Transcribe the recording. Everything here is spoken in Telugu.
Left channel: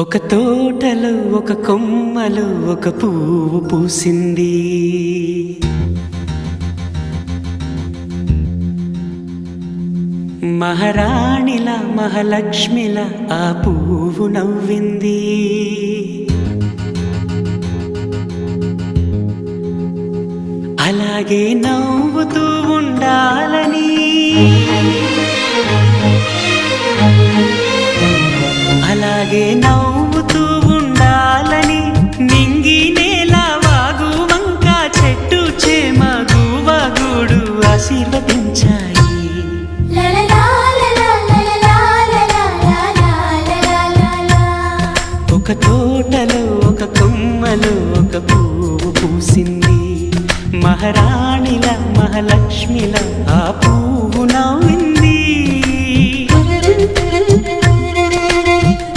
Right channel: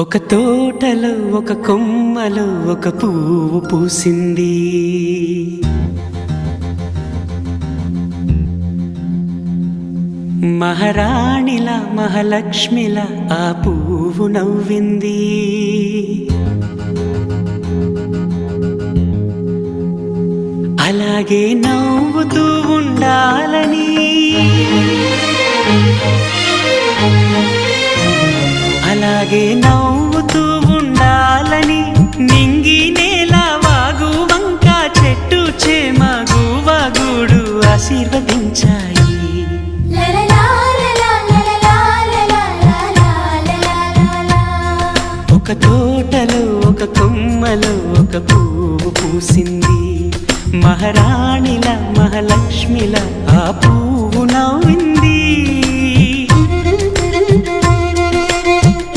ఒక తోటలో ఒక కొమ్మలో ఒక పువ్వు పూసింది. మహారాణిలా మహాలక్ష్మిలా ఆ పువ్వు నవ్వింది. అలాగే నవ్వుతూ ఉండాలని, అలాగే నవ్వుతూ ఉండాలని నింగి నేల వాగు వంక చెట్టు చేమ గువగూడు ఆశీర్వదించాయి. ఒక తోటలో ఒక కొమ్మలో ఒక పువ్వు పూసింది. మహారాణిలా మహాలక్ష్మిలా ఆ పువ్వు నవ్వింది.